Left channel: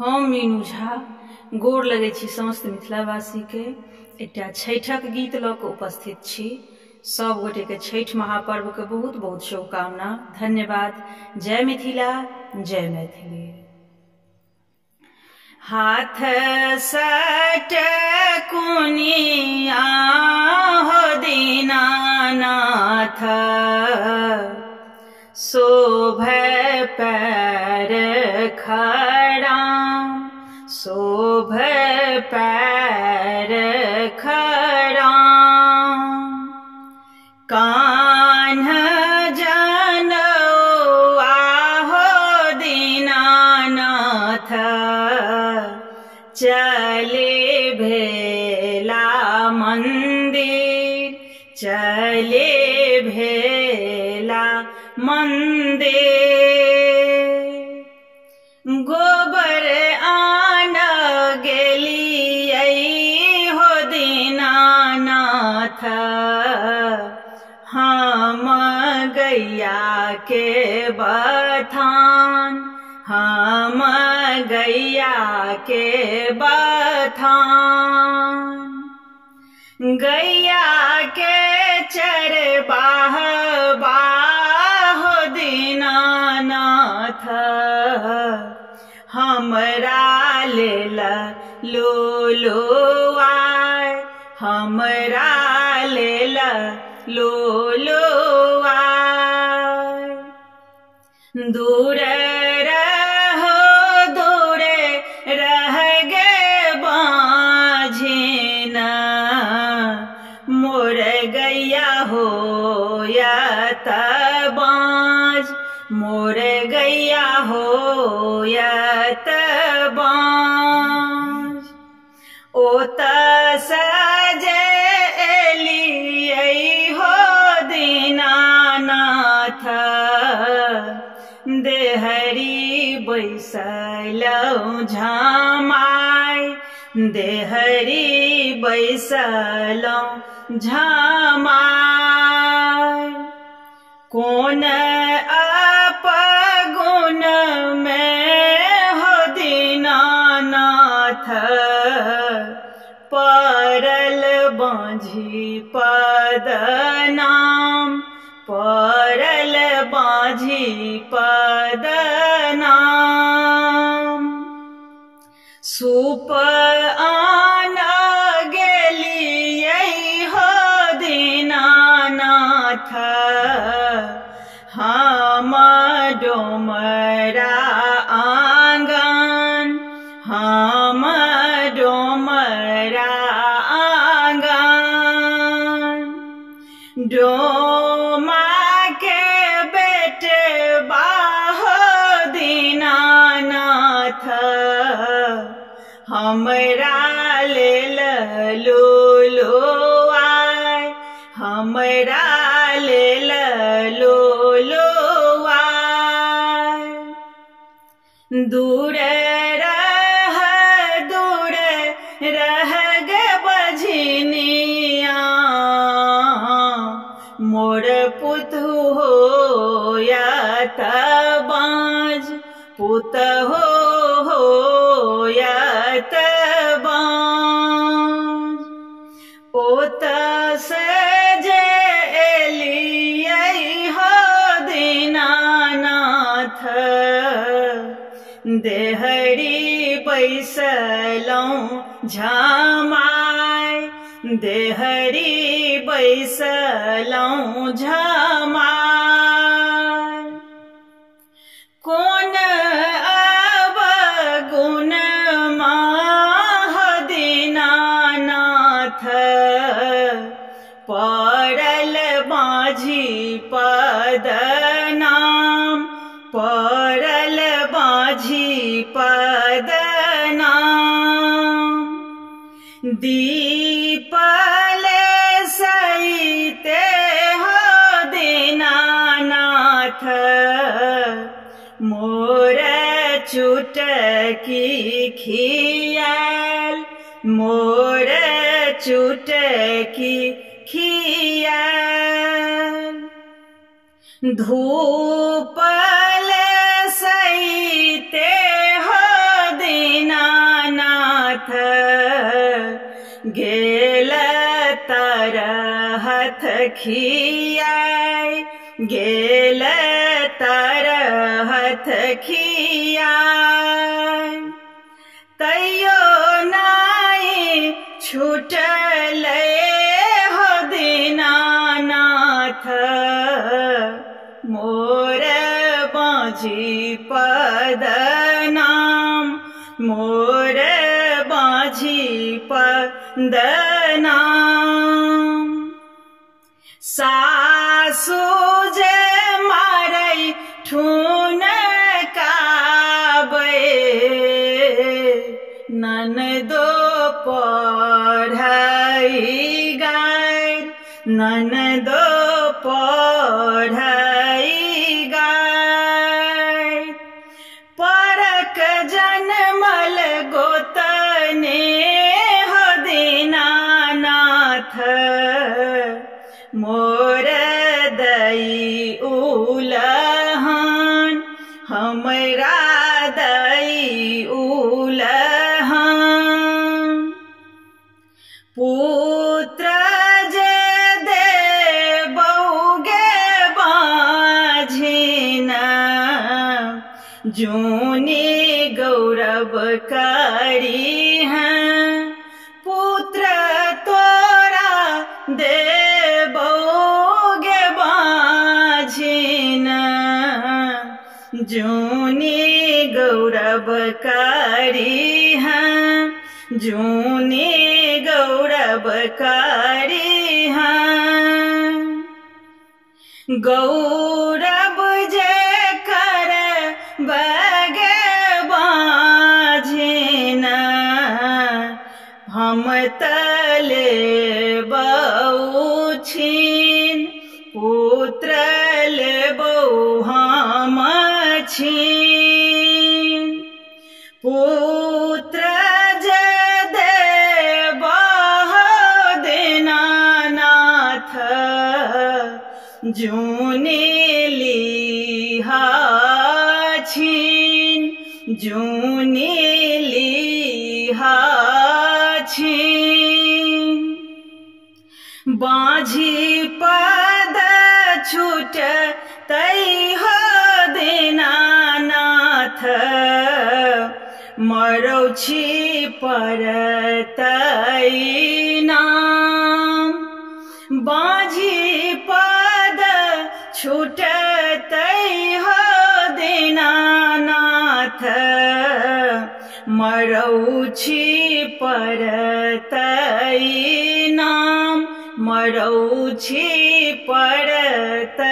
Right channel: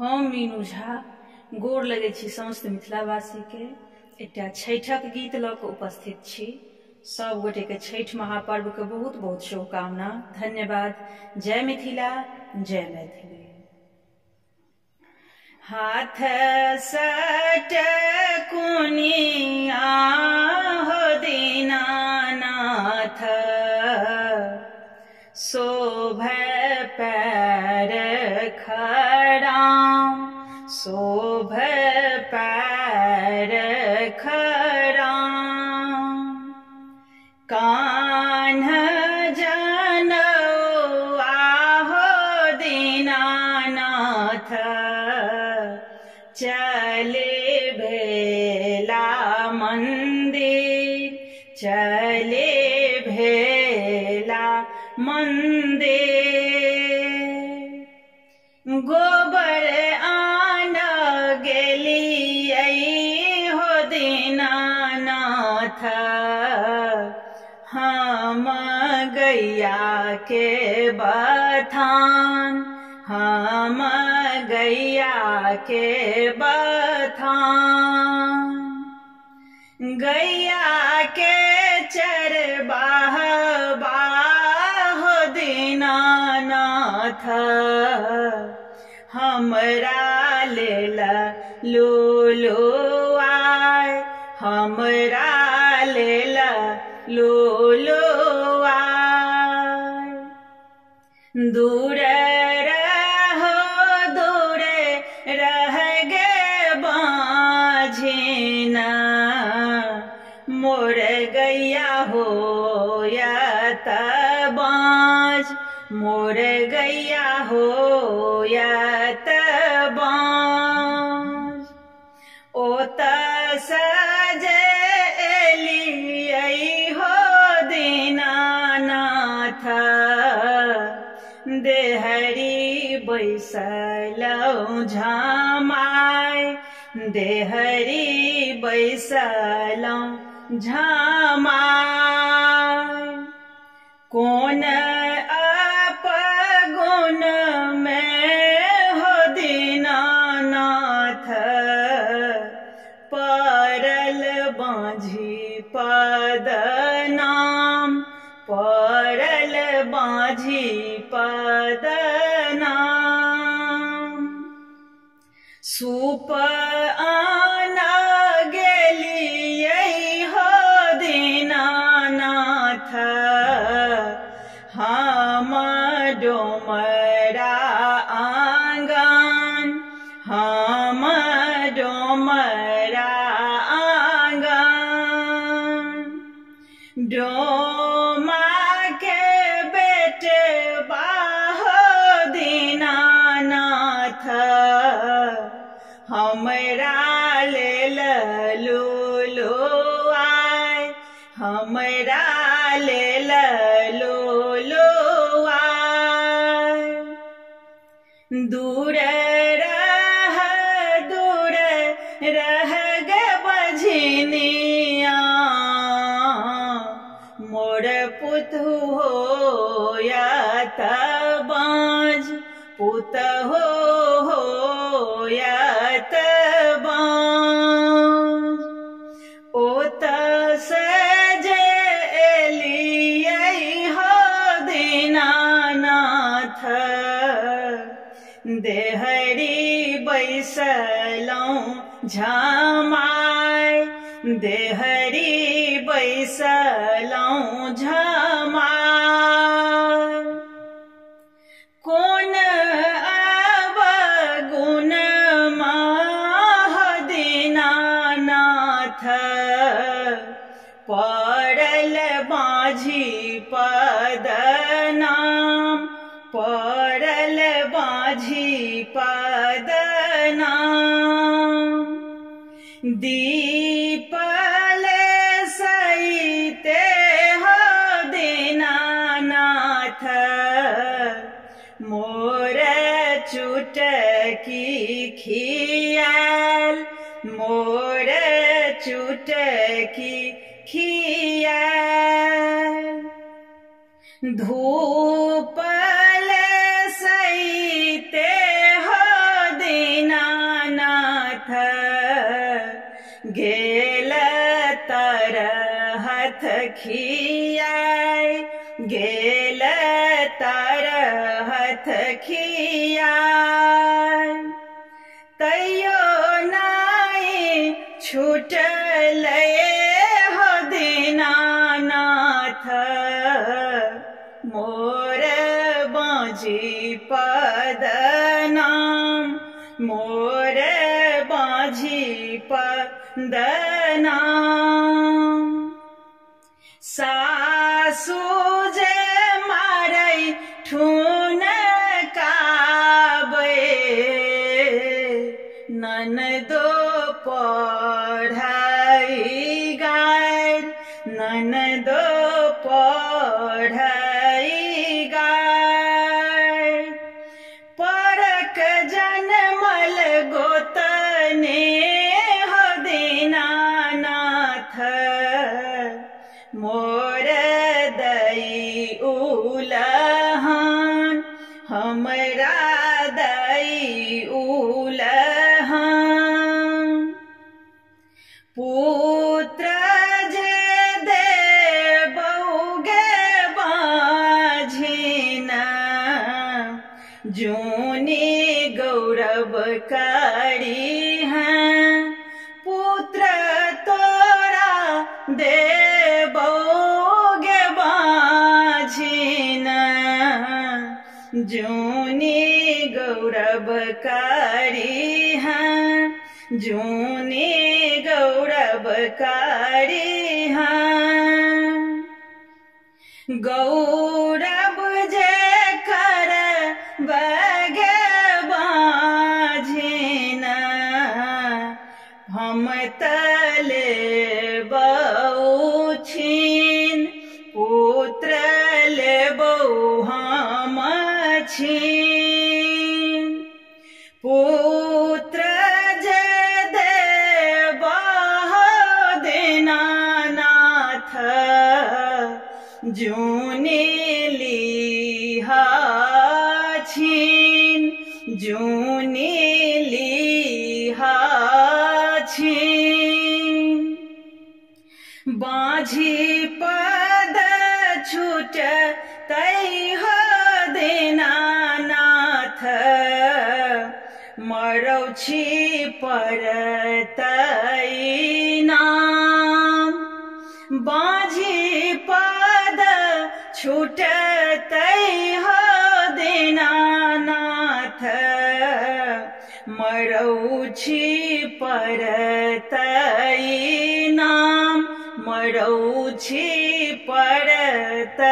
हम मीनू झा गोर लगै छी समस्त मिथिलावासी के एकटा छठक गीत लऽ कऽ उपस्थित छी। सब गोटे के छठ महापर्व के बहुत बहुत शुभकामना। धन्यवाद। जय मिथिला, जय मैथिली। हाथ सट कुनिया हो दीनानाथ, शोभै पैर खड़ाम, शोभै पैर खड़ाम। कान्ह जनौआ हो दीनानाथ, चले भेला मंदिर, चले भेला मंदिर। गोबर आन गेलियै हो दीनानाथ, हम गैया के बथान, हम गैया के बथान। गैया के चरबाहबा हो दीनानाथ, हमरा लेल लूलू आय, हमरा लेल लूलू आय। दूर रहो दूर रह गे बाझिन, मोर गैया होयत बाँझ, मोर गैया होयत बाँझ। ओतऽ सजे एलियै हो दीनानाथ, देहरी बैसलौं झामाय, देहरी बैसलौं झामाय। कोन अपगुण में हो दीनानाथ, पड़ल बाँझी पद नाम, पड़ल बाँझी पद नाम। सूप आन गेलियै हो दीनानाथ, हम डोमरा आंगन, हम डोमरा आंगन। डोमा के बेटबा हो दीनानाथ, हमरा लेल लूलू आय, हमरा लेल लूलू आय। दूर रह गे बझनिया, मोर पुतहु होयत बाँझ, पुतहु होयत बाँझ। ओतऽ से जे एलियै हो दीनानाथ, देहरी बैसलौं झामाय, देहरी बैसलौं झामाय। कोन अवगुण हो दीनानाथ, पड़ल बाँझी पद नाम, पड़ल बाँझी पद नाम। दीपल सईते हो दीनानाथ, मोर चुटकी खियाल, मोर चुटकी खियाल। धूपल सईते हो दीनानाथ, गेल तरहथ खियाय गेल तरहथ खियाय तैयो नाई छूटले हो दीनानाथ मोर बाँझी पद नाम मोर बाँझी पद नाम सासु जे मारै ठुन काबै ननदो पढ़ाई गाय ननदो पढ़ाई गाय परक जनमल गोतने हो दीनानाथ मोर दई उलहन हमरा दई उलहन पुत्र जे देबौगे बाझिना जूनी गौरव करी हैं पुत्र तोरा देबौगे बाझिना जूनी गौरव करी हैं जूनी गौरव करी हैं गौरव जे कर बगे बाझिना हम तले बहुछिन पुत्र ले बहु हम छिन पुत्र जे देबह दीनानाथ जूनी लिहा छिन जूनी लिहा छिन बाँझी पद छूट तै हो दीनानाथ मरौ छी परतै नाम बाँझी पद छूटतै हो दीनानाथ मरौ छी परतै नाम मरौ छी परतै